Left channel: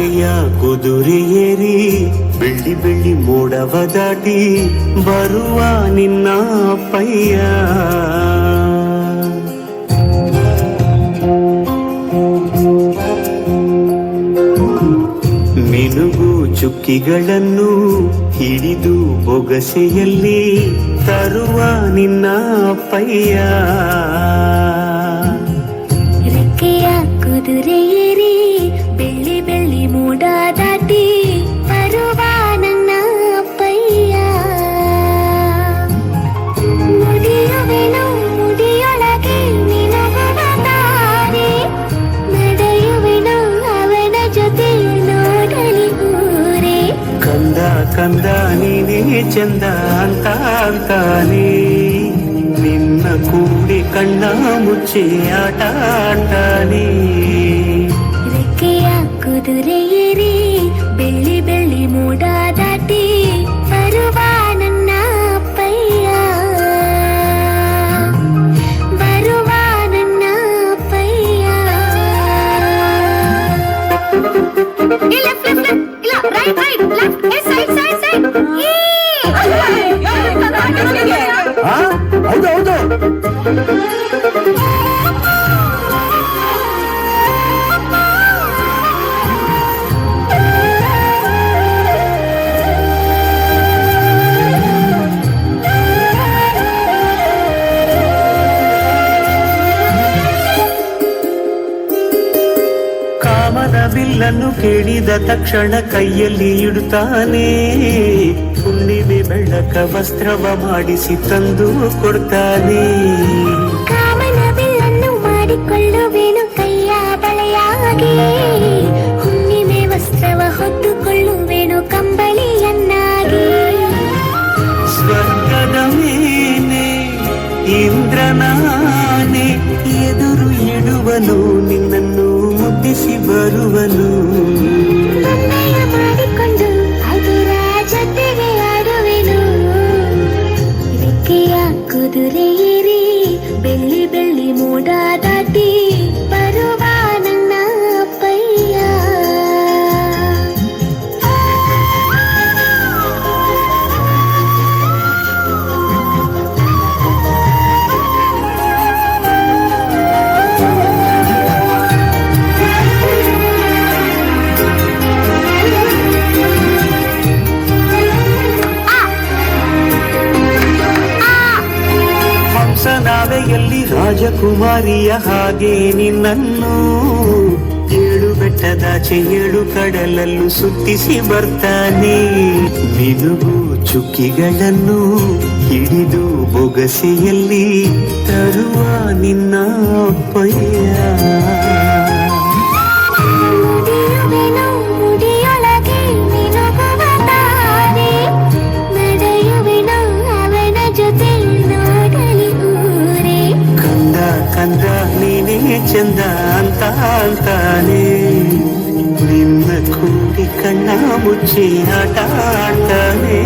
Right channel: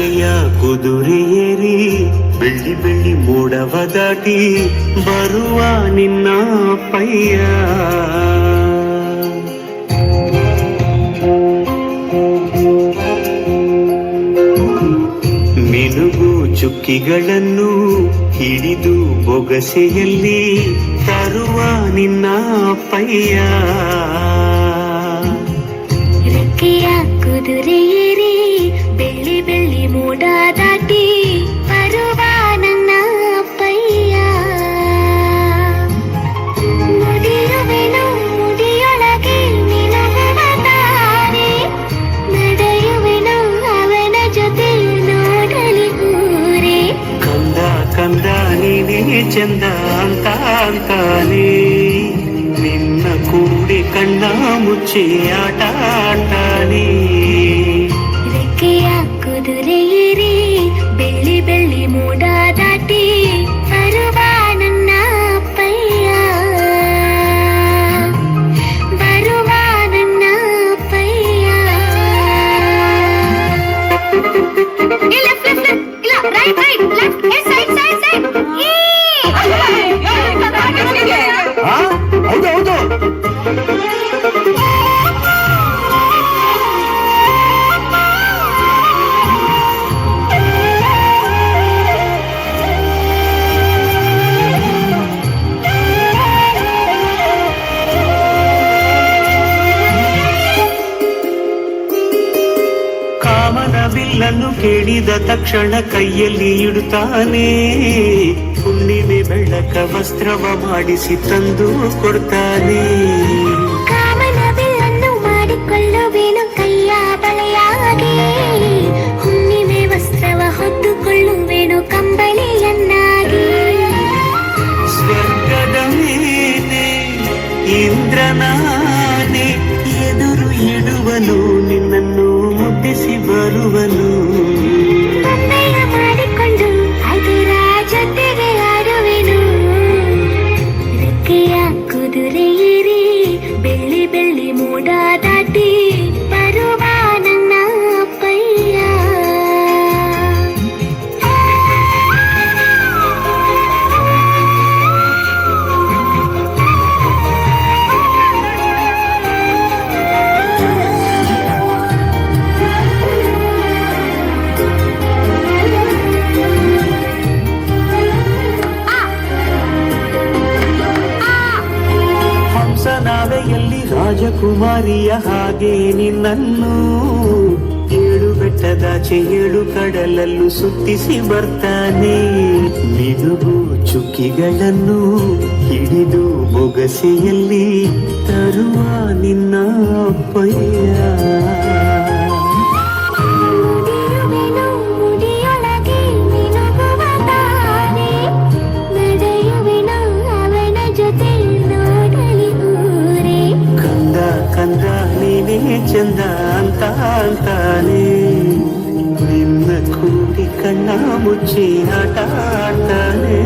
ರೆಕ್ಕೆಯ ಕುದುರೆಯೇರಿ ಬೆಳ್ಳಿ ಬೆಳ್ಳಿ ಮೋಡವ ದಾಟಿ ಬರುವ ನಿನ್ನ ಪಯ್ಯ. ಮಿನುಗು ಚುಕ್ಕಿಗಳನ್ನು ಹಿಡಿದು ಬೊಗಸೆಯಲ್ಲಿ ತರುವ ನಿನ್ನ ಪಯ್ಯ. ರೆಕ್ಕೆಯ ಕುದುರೆಯೇರಿ ಬೆಳ್ಳಿ ಬೆಳ್ಳಿ ಮೋಡ ದಾಟಿ ಬರುವ ನನ್ನ ಪಯ್ಯ. ನುಡಿಯುವೆನು ಮುಡಿಯೊಳಗೆ ನಿನಗುವ ದಾರಿ, ನಡೆಯುವೆನು ಅವನ ಜೊತೆ ನೋಡಲಿ ಊರೇ. ಕಂದ ಕಂದ ನೀನೇ ಚಂದ ಅಂತ ಅಂತಾನೆ, ನಿನ್ನ ಕೂಡಿ ಕಣ್ಣ ಮುಚ್ಚಿ ಆಟ ಆಟಾನೆ. ರೆಕ್ಕೆಯ ಕುದುರೆಯೇರಿ ಬೆಳ್ಳಿ ಬೆಳ್ಳಿ ಮೋಡ ದಾಟಿ ಬರುವ ನನ್ನ ಪಯ್ಯ. ಬರುವ ನನ್ನ ಪಯ್ಯ. ಹೌದು ಕಾಮನ ಬಿಲ್ಲನ್ನು ಕೇಳಿದ ತಕ್ಷಣ ಕೈಯಲ್ಲಿ ಇಡುತ್ತಾನೆ, ಹುಣ್ಣಿಮೆ ಬೆಳಕ ವಸ್ತ್ರವ ಮಾಡಿಸಿ ತಂದು ಕೊಡ್ತಾನೆ. ಕಾಮನ ಬಿಲ್ಲನ್ನು ಮಾಡಿಕೊಳ್ಳುವೆನು ಕೈಯ ಬಳೆಯಾಗಿ, ಹುಣ್ಣಿಮೆ ವಸ್ತ್ರವ ಹೊತ್ತುಕೊಳ್ಳುವೆನು ಕಂಬಳಿಯನ್ನಾಗಿ. ಸ್ವರ್ಗದ ಮೇಲೆ ಇಂದ್ರನಾನೆ ಎದುರು ಇಡುವನು, ನಿನ್ನನ್ನು ಮುದ್ದಿಸಿ ಬರುವನು. ನನ್ನಯ ಮಾಡಿಕೊಂಡು ಅದರ ಜೊತೆಗೆ ಆಡುವೆನು. ರೆಕ್ಕೆಯ ಕುದುರೆಯೇರಿ ಬೆಳ್ಳಿ ಬೆಳ್ಳಿ ಮೋಡ ದಾಟಿ ಬರುವ ನನ್ನ ಪಯ್ಯ. ಹಂಸನಾವೆಯಲ್ಲಿ ರಾಜಕುಮಾರಿಯ ಹಾಗೆ ನಿನ್ನನ್ನು ಏಳು ಬೆಟ್ಟದಾಚೆ ಏಳು ಕಡಲಲ್ಲೂ ಸುತ್ತಿಸಿ ಬರ್ತಾನೆ. ಮಿನುಗು ಚುಕ್ಕಿಗಳನ್ನು ಹಿಡಿದು ಬೊಗಸೆಯಲ್ಲಿ ತರುವ ನಿನ್ನ ಪಯ್ಯ. ನುಡಿಯುವೆನು ಮುಡಿಯೊಳಗೆ ನಿನಗುವ ದಾರಿ, ನಡೆಯುವೆನು ಅವನ ಜೊತೆ ನೋಡಲಿ ಊರೇ. ಕಂದ ಕಂದ ನೀನೇ ಚಂದ ಅಂತ ಅಂತಾನೆ, ನಿನ್ನ ಕೂಡಿ ಕಣ್ಣ ಮುಚ್ಚಿ ಆಟ ಆಡ್ತಾನೆ.